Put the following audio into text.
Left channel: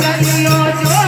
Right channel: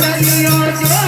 कलियो जो